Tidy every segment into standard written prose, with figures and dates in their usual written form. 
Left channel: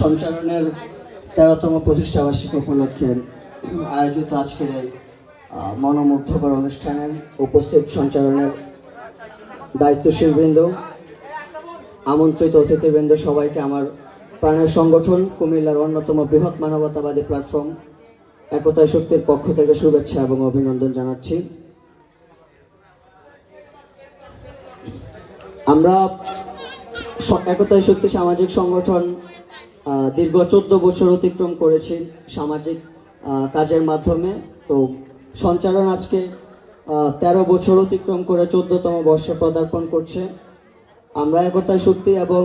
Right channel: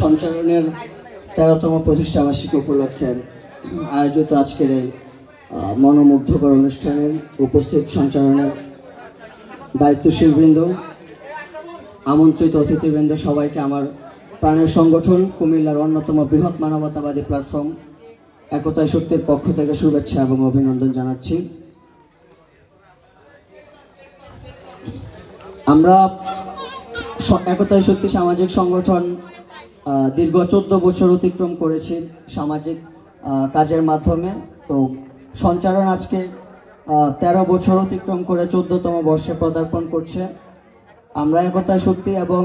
সঞ্চালনের 13তম প্রতিষ্ঠা বার্ষিকী উপলক্ষে আয়োজিত আজকের এই মনোমুগ্ধকর অনুষ্ঠানের উপস্থিত সঞ্চালনের দায়িত্বশীলবৃন্দ, আমন্ত্রিত অতিথিবৃন্দ, সবাইকে আমার প্রাণের সংগঠন কুমিল্লার অন্যতম বৃহৎ মানবতাবাদী প্ল্যাটফর্ম একতাই শক্তির পক্ষ থেকে শুভেচ্ছা এবং অভিনন্দন জানাচ্ছি। আমরা একতাই শক্তি সামাজিক সংগঠন দীর্ঘ 14 বছর অতিক্রম করেছি সামাজিক কাজের মাধ্যমে। তো সঞ্চালন আজকে 13 বছর অতিক্রম করে 14তম বর্ষে পদার্পণ করছে। আমরা একতাই শক্তি এবং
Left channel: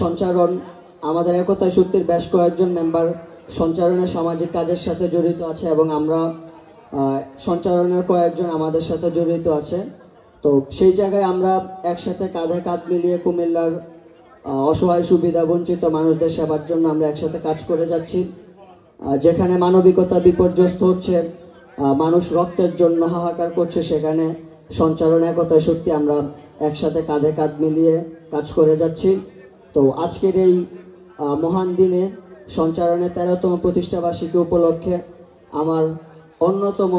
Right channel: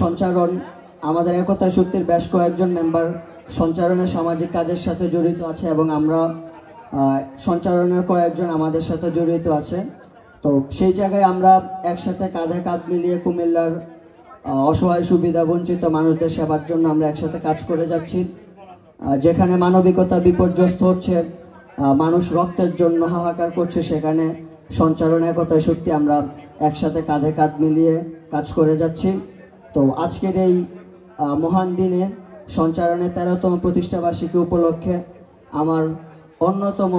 সঞ্চালন, আমাদের একতাই শক্তির বেশ কয়েকজন মেম্বার সঞ্চালনের সামাজিক কাজের সাথে জড়িত আছে এবং আমরা সঞ্চালনের কয়েকজন আমাদের সাথে জড়িত আছে। তো সেই জায়গায় আমরা একসাথে কাঁধে কাঁধ মিলিয়ে কুমিল্লার অসহায় সুবিধা বঞ্চিত মানুষদের সেবার জন্য আমরা একসাথে কাজ করে যাচ্ছি। যেখানে মানবিকতা বিপর্যস্ত হচ্ছে, মানুষ রক্তের জন্য হাহাকার করছে, সেখানে সঞ্চালন একতাই শক্তি আমরা একসাথে কাঁধে কাঁধ মিলিয়ে কাজ করে যাচ্ছি। তো আজকের এই মহান দিনে সঞ্চালনের 13তম প্রতিষ্ঠা বার্ষিকী উপলক্ষে আমার অন্যতম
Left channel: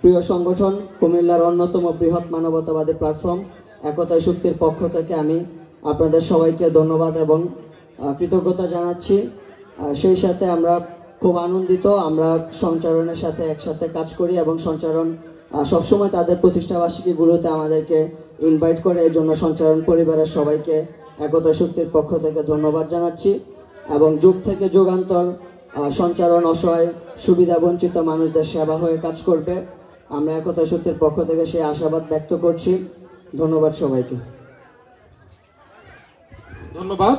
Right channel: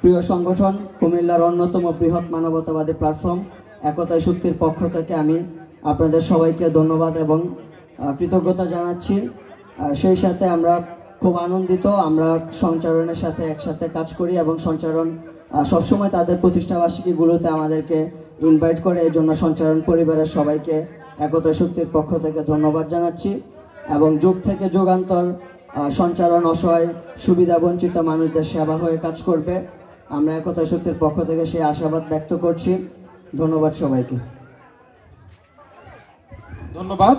প্রিয় সংগঠন কুমিল্লার অন্যতম বৃহৎ মানবতাবাদী প্ল্যাটফর্ম একতাই শক্তির পক্ষ থেকে আমি আপনাদের সবাইকে ধন্যবাদ এবং কৃতজ্ঞতা জানাচ্ছি। সেই সাথে আমরা খুব আনন্দিত, আমরা সঞ্চালনের সাথে একসাথে কাজ করি এবং সঞ্চালন সবসময় তাদের প্রতিষ্ঠা বার্ষিকীগুলোতে আমাদেরকে ইনভাইট করে। এই জন্য সঞ্চালন পরিবারের সবাইকে একতাই শক্তির পক্ষ থেকে ধন্যবাদ জানাচ্ছি এবং যুগ থেকে যুগান্তর সঞ্চালন অসহায় সুবিধা বঞ্চিত মানুষদের সেবা হয়ে কাজ করবে। আমরা একতাই শক্তির পক্ষ থেকে সেই আশাবাদ ব্যক্ত করছি। ধন্যবাদ সবাইকে। ধন্যবাদ।